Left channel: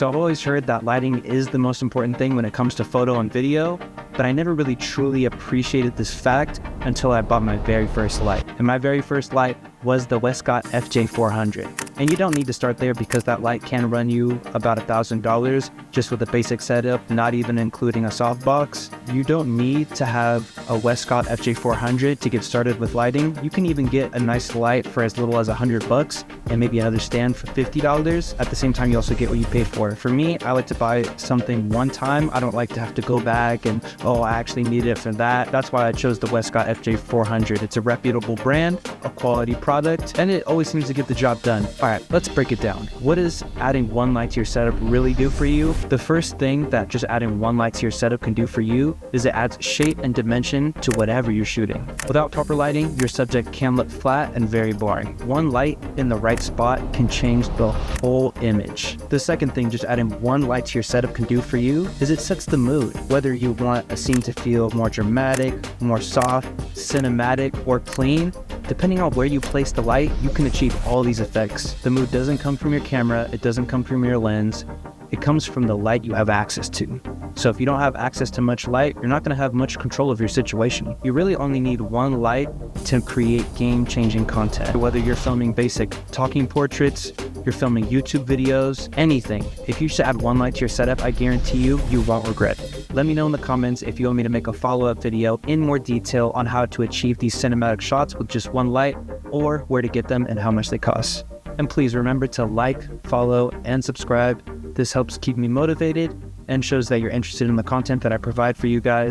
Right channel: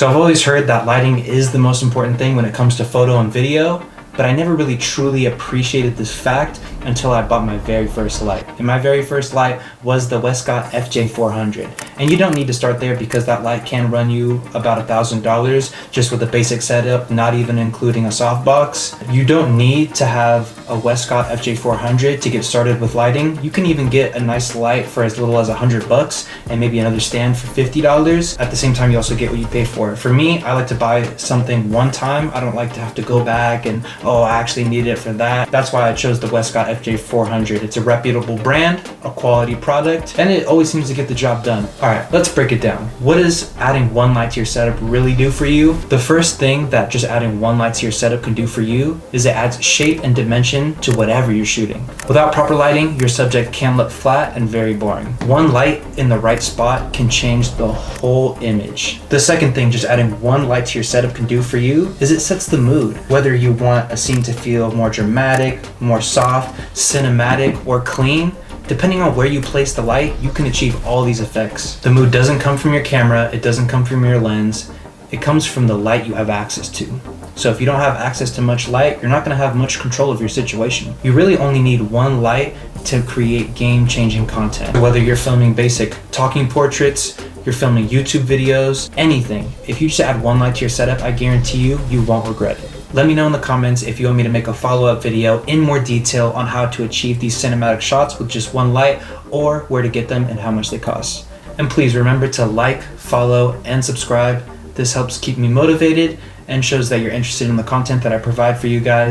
So I've always heard that lighting is the most important thing when it comes to photo and video, but I never really truly appreciated this fact until I bought my very first light. And my very first light was the Westcott FJ400. And you don't need to start there because that light can run you about $1,000 just with a basic setup, not even including a softbox. You don't need to have a Westcott FJ400 to get started with lighting. You can even get a nice light for as little as $100 and maybe another stand for $50. At the same time, you also get what you pay for. For me, I like to buy something one time. I don't like to have to go back and, oh, I actually need it for that. That's why I chose the Westcott FJ400. It's a reputable brand, a quality product, and it always seems to get the job done. All right, let's break it down. What does adding one light to your setup really do for you? The first thing that just adding one light to your setup can do for you is it adds shape and dimension to whatever you're shooting. Without proper lighting, your subject can look flat and very boring. One light in the right spot can change the whole image. The second thing just adding one light to your setup can do for you is it sets the mood. Whether you want a scene to feel more dramatic, more soft, cinematic, or clean, depending on where you place the light, you can achieve all these effects. The mood doesn't come from your camera, it doesn't come from your lens, it comes from the light you have access to. So if you don't have access to much light, you're not gonna have much control of your situation. You really only need one light to create game-changing content. Whether you're filming basic talking portraits, you're filming YouTube videos, anything. If you just add one light to your setup, I guarantee you, you won't regret it. Let me know in the comments if you want me to make a follow-up video in more detail on how to achieve these cinematic shots with just one light, or where to get them and how much they cost. And please remember to like, follow, and subscribe. This helps keep me motivated and shows that you're interested in the content that I provide for you guys.